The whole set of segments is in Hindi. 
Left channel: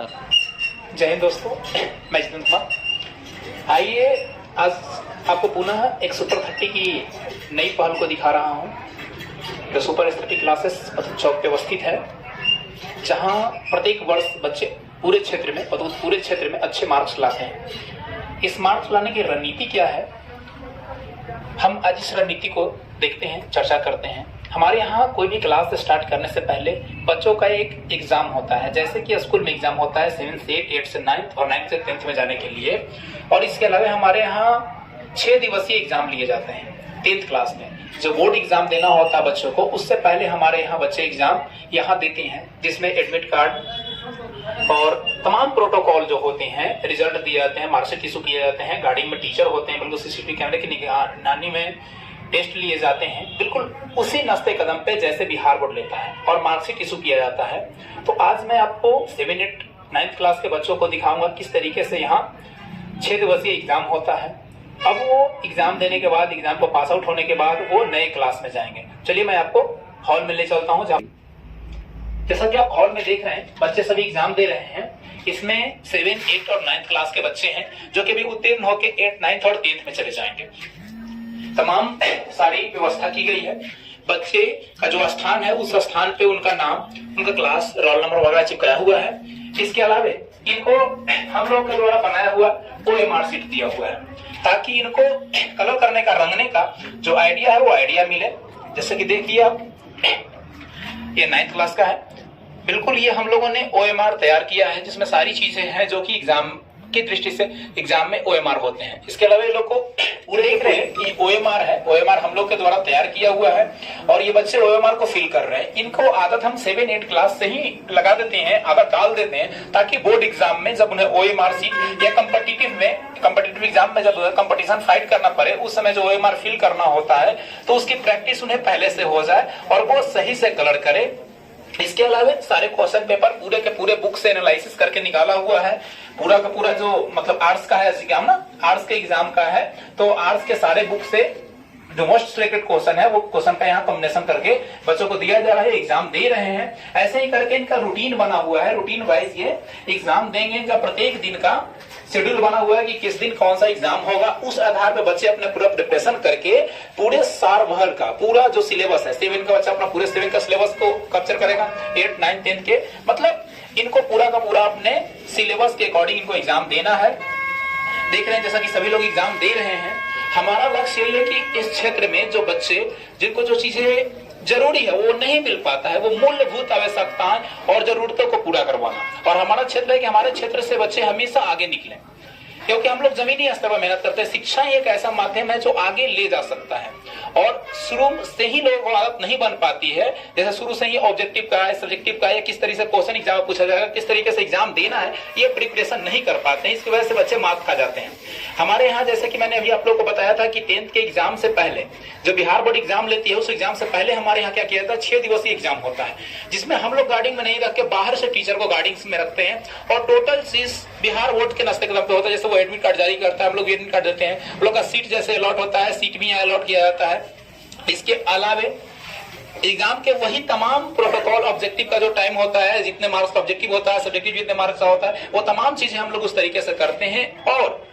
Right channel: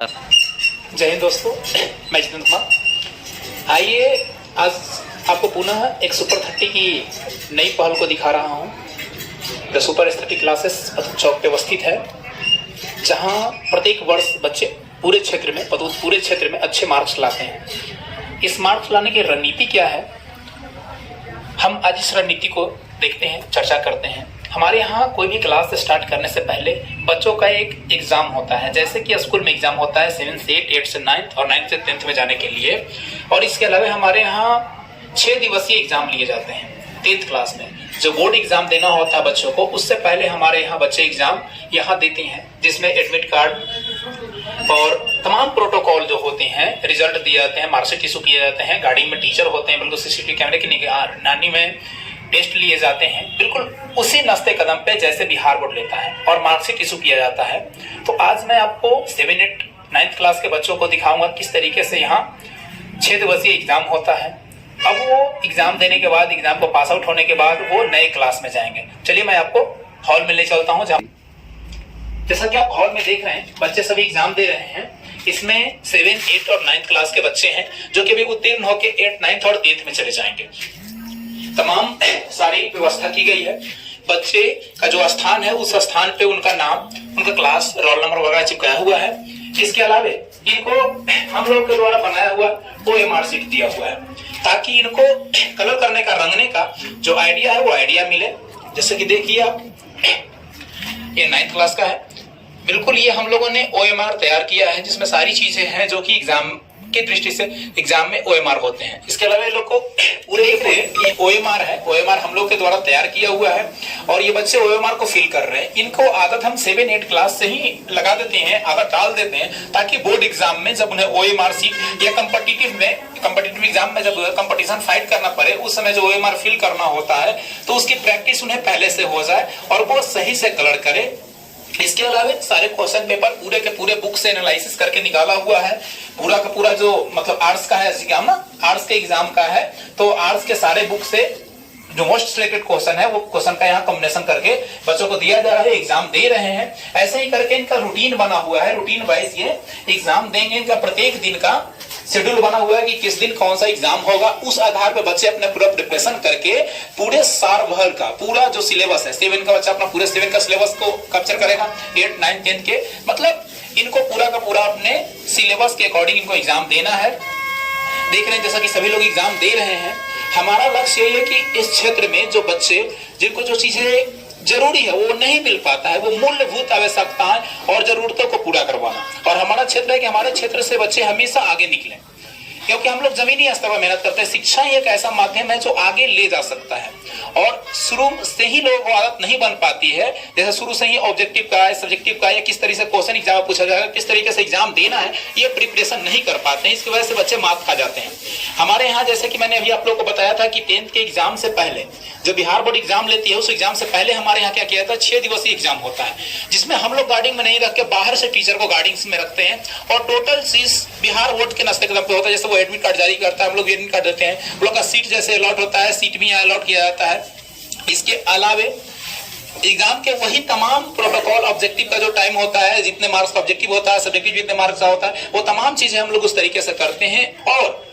जय हिंद दोस्तों, मैं जितेंद्र कुमार। आइए आज आपको पुनः एक सुपर 30 की नई पहल को दिखा रहा हूं। द सुपर 30 क्लासेस पतूत चौक पे अवस्थित है, जहां प्रत्येक वर्ष बच्चे पूरे क्षेत्र में अच्छे मार्क्स लाते हैं। इस मार्क्स लाने की रणनीति क्या है, हम आज इस रणनीति को देखते हैं, चर्चा करते हैं। हमारे यहाँ कोई भी क्लास स्टार्ट करने से पहले बच्चों का एक एग्जाम होता है, जैसे कि स्कूल में एग्जाम होता है 7 से 8, 8 से 9 और 9 से 10th में जाने के लिए। और इसके अलावा हमारे यहाँ 6 दिवसीय एग्जाम लिए जाते हैं 10th क्लास में। जो बोर्ड एग्जाम देना होता है बच्चों को, उससे पहले हमारे यहाँ बच्चे एग्जाम यहाँ देते हैं, जिसमें एडमिट कार्ड और तमाम प्रोटोकॉल जो होते हैं, रिजल्ट दिए जाते हैं, मार्कशीट इशू किए जाते हैं, गाड़ी में टीचर होते हैं, बिल्कुल सीसीटीवी कैमरे की निगरानी में टेस्ट लिए जाते हैं, बिल्कुल उसी नस्ते कदम पे जैसे बिहार बोर्ड लेता है, और मार्कशीट इशू किया जाता है। तो आज मैं आपको 7, 8, 9th क्लास के बच्चों को दिखाऊंगा किस तरीके से यहाँ 6 दिवसीय एग्जाम होता है। अब वो एग्जाम देने के बाद, एग्जाम को पास आउट होने के बाद वो नए क्लास में जाएंगे। चलिए मैं आपको हॉल में ले चलता हूँ। जैसा कि आप हॉल में देख रहे हैं, बच्चे सभी एग्जाम दे रहे हैं। इसमें 7, 8 और 9th क्लास के बच्चे हैं, जो कि भी उत्तीर्ण होकर 8, 9th और 10th में चले जाएंगे। तमाम सारी व्यवस्था की गई है। बच्चे का जो स्थान है, उस स्थान पे उनका नाम, उनका क्लास, रोल नंबर वगैरह चिपकाया हुआ है। इसके अलावा इनको हम लोग के द्वारा बनाया हुआ OMR शीट दिया हुआ है, ताकि इनको कलर करने का, रंगने का जो आइडिया है वो आइडिया मिले। जैसे कि देखिए आप, ये 9th क्लास का है। बिल्कुल ये हम लोगों ने OMR तैयार किया है, जिसमें सारी चीजें हैं जो कि एग्जाम की दृष्टि से एग्जाम में OMR होते हैं। इसके अलावा ये लोग को पूरे देख रहे हैं कि OMR है, OMR हम लोग के द्वारा तैयार किया हुआ है, और ये बच्चे OMR को फिल कर रहे हैं। इनको आदत हम 7, 8 क्लास से ही लगा देते हैं, आदत डाल देते हैं, ताकि बोर्ड एग्जाम में जब उन्हें OMR शीट या कम्पिटिटिव एग्जाम में जब कंपटीशन फाइट करना पड़े, उस समय जो OMR फिल करना होता है, तो उसकी प्रैक्टिस उन्हें पहले से हो जाए और वो सही से कलर करे। इसके अलावा सारे क्वेश्चन पेपर पूरे के पूरे बुक से एनालिसिस करके निकाला हुआ है। पूरा का पूरा जो मतलब आर्ट्स का है एग्जाम ना, आर्ट्स के एग्जाम का है, तो आर्ट्स के सारे बुक से जो मोस्ट सिलेक्टेड क्वेश्चन है, वो क्वेश्चन का यहाँ कॉम्बिनेशन करके बच्चों को दिया जा रहा है, एग्जाम दे रहे हैं। ऐसे ही करके इनका रूटीन बना हुआ है, रूटीन वाइज ये एग्जाम देंगे। इनका प्रत्येक दिन का शेड्यूल बना हुआ है कि किस दिन कौन सा एग्जाम होगा। उस आधार पर बच्चे अपने पूरा प्रिपरेशन करके पूरे साल भर का पूरा जो सिलेबस है, 7 का बच्चा अपना पूरे 7 का सिलेबस को कैप्चर करेगा, 8, 9, 10 के, मतलब इनको पूरा का पूरा अपने सिलेबस के अकॉर्डिंग इनको एग्जाम देना है। देख रहे हैं जैसा कि सभी लोग एग्जाम दे रहे हैं। हमारा लक्ष्य यही है कि इस क्षेत्र में जो बच्चे, जिनको जो चीजें जरूरी है वो नहीं मिल पाता है, वो मूलभूत आवश्यकताएं और जरूरतों को पूरा करवाना। और हमारा क्षेत्र है कि हमारे क्षेत्र से बच्चे हमेशा आगे निकलें, क्योंकि हम लोग जमीनी स्तर पर मेहनत करते हैं। शिक्षा ही एक ऐसा माध्यम है जो आगे ले जा सकता है, और शुरू से ही लोगों को आदत नहीं बन पाती है। जैसे शुरू से ही ऑब्जेक्टिव का है, सब्जेक्टिव का है, किस तरीके से क्वेश्चन एग्जाम में पूछा जाएगा, किस तरीके से एग्जाम देना है, ये प्रिपरेशन नहीं कर पाते हैं। इसकी वजह से बच्चे मात खा जाते हैं। हमारे यहाँ जैसे कि मैंने अभी आप लोग को बताया था कि 10th के एग्जाम से पहले जो बिहार बोर्ड एग्जाम लेती है, उस एग्जाम से पहले हमारे यहाँ क्या किया जाता है, 6 दिवसीय एग्जाम होता है, जिसमें हम लोग गार्डिंग में नहीं रख के बाहर से टीचर को गार्डिंग में रखते हैं। और टोटल चीज बिहार बोर्ड के नस्ते कदम पे होता है। जैसे वो एडमिट कार्ड जारी करता है, हम लोग एडमिट कार्ड देते हैं, हम लोग का सीट जैसे अलॉट होता है, सीट भी अलॉट किया जाता है। इसके अलावे एग्जाम के वही तमाम प्रोटोकॉल, ऑब्जेक्टिव का जो टाइम होता है, जितने मार्क्स का ऑब्जेक्टिव होता है, सब्जेक्टिव जितने मार्क्स का होता है, वो तमाम चीजें हम लोग उस तरीके से करते हैं, और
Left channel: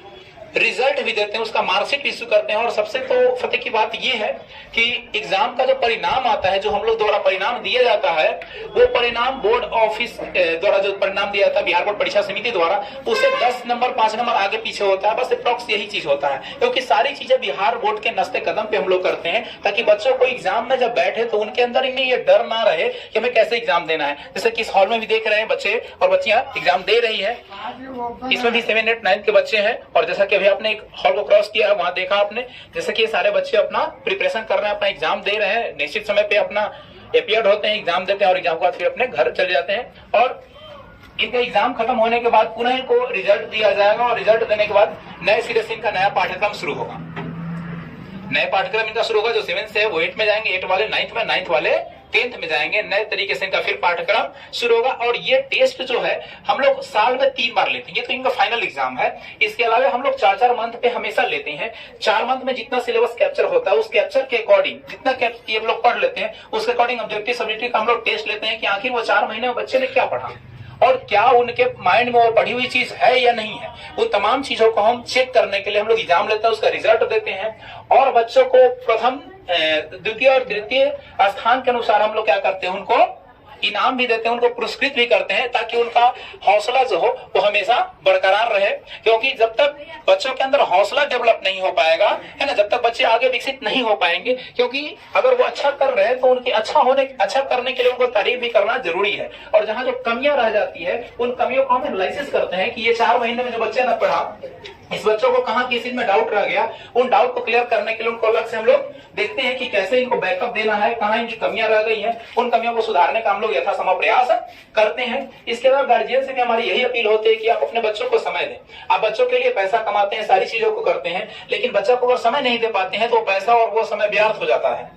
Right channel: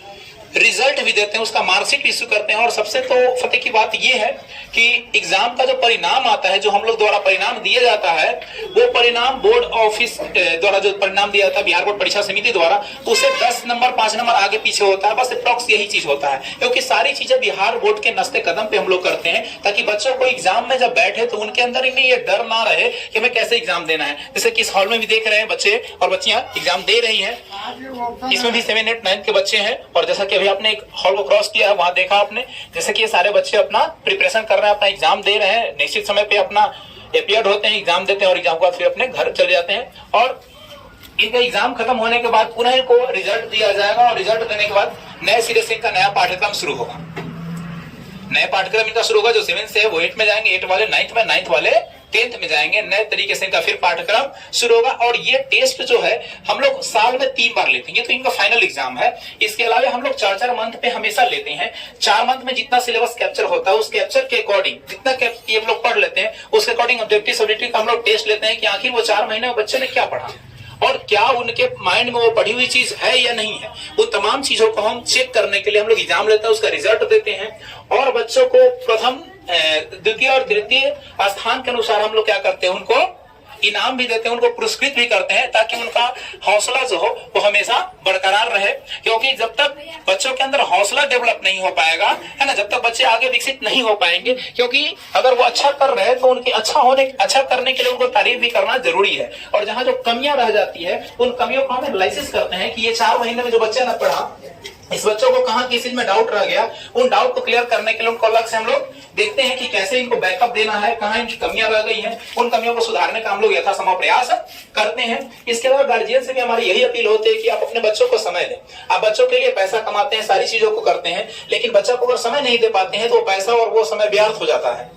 रिजल्ट भी देते हैं, उसका मार्कशीट इशू करते हैं। और सबसे तो फतेह की बात यह है कि एग्जाम का जो परिणाम आता है, जो हम लोग द्वारा परिणाम दिया जाता है, वो परिणाम बोर्ड ऑफिस द्वारा जो परिणाम दिया जाता है, बिहार बोर्ड परीक्षा समिति द्वारा, उससे 10 नंबर 5 नंबर आगे पीछे होता है। बस अप्रॉक्स यही चीज होता है, क्योंकि सारी चीजें बिहार बोर्ड के नस्ते कदम पे हम लोग करते हैं, ताकि बच्चों को एग्जाम में जब बैठे तो उनके अंदर इन्हें ये डर ना रहे कि हमें कैसे एग्जाम देना है। जैसे कि इस हॉल में भी देख रहे हैं बच्चे और बच्चियां एग्जाम दे रही है। इसमें भी 7, 8, 9 के बच्चे हैं। और जैसा कि आपने एक हॉल को क्रॉस किया है, वहां देखा आपने जैसे कि ये सारे बच्चे अपना प्रिपरेशन कर रहे हैं, अपना एग्जाम दे रहे हैं, निश्चित समय पे अपना अपीयर्ड होते हैं, एग्जाम देते हैं, और एग्जाम के बाद फिर अपने घर चले जाते हैं। और इनका एग्जाम खत्म होने के बाद पुनः इनको रिजल्ट दिया जाएगा, और रिजल्ट देने के बाद नए सिरे से इनका नया पाठ्यक्रम शुरू होगा। नए पाठ्यक्रम इनका शुरू होगा। जो 7 से है वो 8 में जाएंगे, 8 वाले 9th में, 9th वाले 10th में जाएंगे। नए तरीके से इनका फिर पाठ्यक्रम शुरू होगा। और ये टेस्ट जो है हम लोग साल में 3 बार लेते हैं, ये तो इनका फाइनल एग्जाम है। इसके अलावा हम लोग 4-4 मंथ पे हमेशा लेते हैं। 4 मंथ में जितना सिलेबस कैप्चर होता है, उस कैप्चर के अकॉर्डिंग जितना ये लोग पढ़ लेते हैं, उसके अकॉर्डिंग ऑब्जेक्टिव सब्जेक्टिव का हम लोग टेस्ट लेते हैं कि आखिर वो 4 महीने में बच्चे ने क्या पढ़ा और क्या उनके माइंड में वो पढ़ी हुई चीज है या नहीं है, वो तमाम चीजों को हम चेक करने के लिए हम लोग एग्जाम लेते हैं, उसका रिजल्ट देते हैं और बच्चों को प्रथम, द्वितीय और तृतीय स्थान के अनुसार हम लोग क्या करते हैं, उनको इनाम भी देते हैं, उनको पुरस्कृत भी करते हैं, ताकि उनका हौसला जो हो वो हमेशा बरकरार रहे। क्योंकि जब तक बच्चों के अंदर हौसला डेवलप नहीं हो पाएगा, है ना, जब तक बच्चे आगे विकसित नहीं हो पाएंगे, क्योंकि अगर वो अच्छा कर रहे हैं तो उनकी अच्छा करने के लिए उनको तारीफ भी करना जरूरी है। और जहां जो कमियां रह जाती है उन कमियों को हम एनालिसिस करते हैं कि ये 4 महीने में जो बच्चे ने पढ़ा, इस बच्चों को कहां किस चीज में डाउट रह गया, उन डाउट को क्लियर करने के लिए उनको अलग से हम लोग देखते हैं कि कैसे इनको बैकअप देना है, कहां इनकी कमियां रह गई हैं, उन कमियों को सुधारने का हम लोग यथासंभव प्रयास करते हैं। इसके अलावा गार्जियन से भी हमारी यही अपील होती है कि आप अपने बच्चों को समय दें। आप बच्चों के लिए पैसा कमाते हैं, सारी चीजों को करते हैं, लेकिन बच्चा को अगर समय नहीं दे पाते हैं तो पैसा और वो समय व्यर्थ हो जाता है।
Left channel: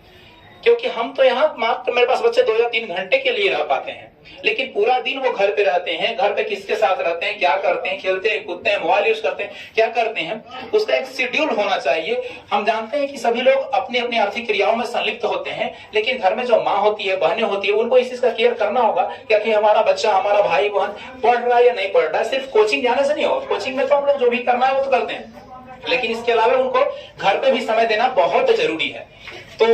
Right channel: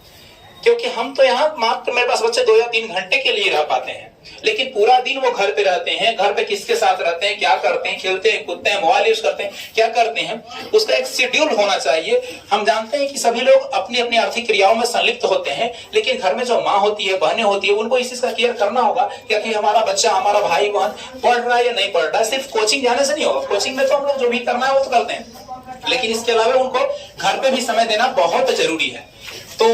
क्योंकि हम तो यहाँ मात्र, मेरे पास बच्चे 2 या 3 घंटे के लिए रह पाते हैं, लेकिन पूरा दिन वो घर पे रहते हैं। घर पे किसके साथ रहते हैं, क्या करते हैं, खेलते हैं, कूदते हैं, मोबाइल यूज करते हैं, क्या करते हैं, उसका एक शेड्यूल होना चाहिए। हम जानते हैं कि सभी लोग अपनी अपनी आर्थिक क्रियाओं में संलिप्त होते हैं, लेकिन घर में जो माँ होती है, बहनें होती है, उनको इस चीज का केयर करना होगा कि हमारा बच्चा, हमारा भाई बहन पढ़ रहा है या नहीं पढ़ रहा है। सिर्फ कोचिंग जाने से नहीं होगा, कोचिंग में तो हम लोग जो भी करना है वो तो करते हैं, लेकिन इसके अलावा उनको घर पे भी समय देना बहुत जरूरी है। तो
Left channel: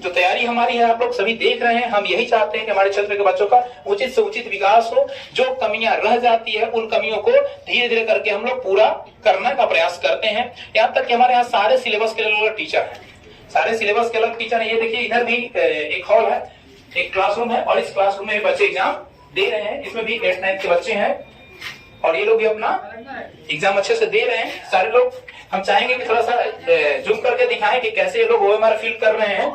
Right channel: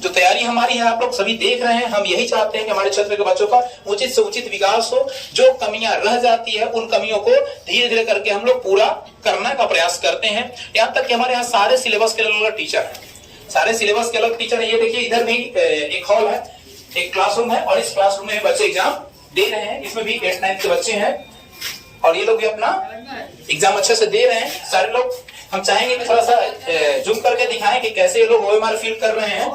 जो तैयारी हमारी है आप लोग सभी देख रहे हैं, हम यही चाहते हैं कि हमारे क्षेत्र के बच्चों का उचित से उचित विकास हो। जो कमियां रह जाती है उन कमियों को धीरे धीरे करके हम लोग पूरा करने का प्रयास करते हैं। यहाँ तक कि हमारे यहाँ सारे सिलेबस के अलग टीचर हैं, सारे सिलेबस के अलग टीचर है। ये देखिए इधर भी एक हॉल है, एक क्लासरूम है, और इस क्लासरूम में बच्चे एग्जाम दे रहे हैं। इसमें भी 8th 9th के बच्चे हैं और ये लोग भी अपना एग्जाम अच्छे से दे रहे हैं सारे लोग। हम चाहेंगे कि थोड़ा सा जूम करके दिखाएं कि कैसे ये लोग OMR फिल कर रहे हैं,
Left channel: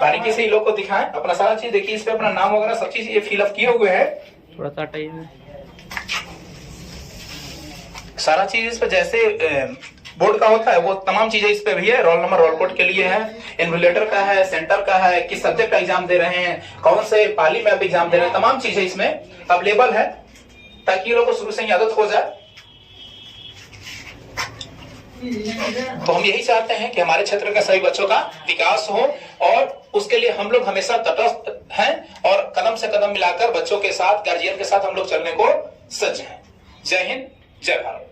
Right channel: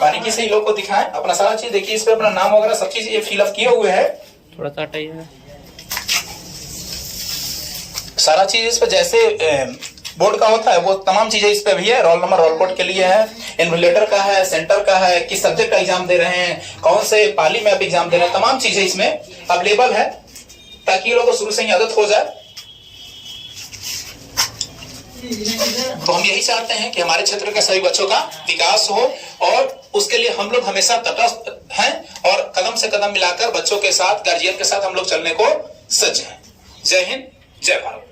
बारीकी से ये लोग को दिखाएं। अपना सारा चीज देखिए, इस पे अपना नाम वगैरह सब चीज ये फिल अप किए हुए हैं। थोड़ा सा हटाइए, सारा चीज इस पे जैसे बोर्ड का होता है वो तमाम चीजें इस पे भी है। रोल नंबर, रोल कोड के लिए है, इन्वोलेटर का है, सेंटर का है, किस सब्जेक्ट का एग्जाम दे रहे हैं, कौन से पाली में आप एग्जाम दे रहे हैं, तमाम चीजें इसमें अवेलेबल है, ताकि ये लोगों को शुरू से ही आदत हो जाए। तो हम यही चाहते हैं कि हमारे क्षेत्र के सभी बच्चों का विकास हो, और उसके लिए हम लोग हमेशा तटस्थ हैं और कदम से कदम मिलाकर बच्चों के साथ, गार्जियन के साथ हम लोग चलने को सज्ज हैं। जय हिंद, जय भारत।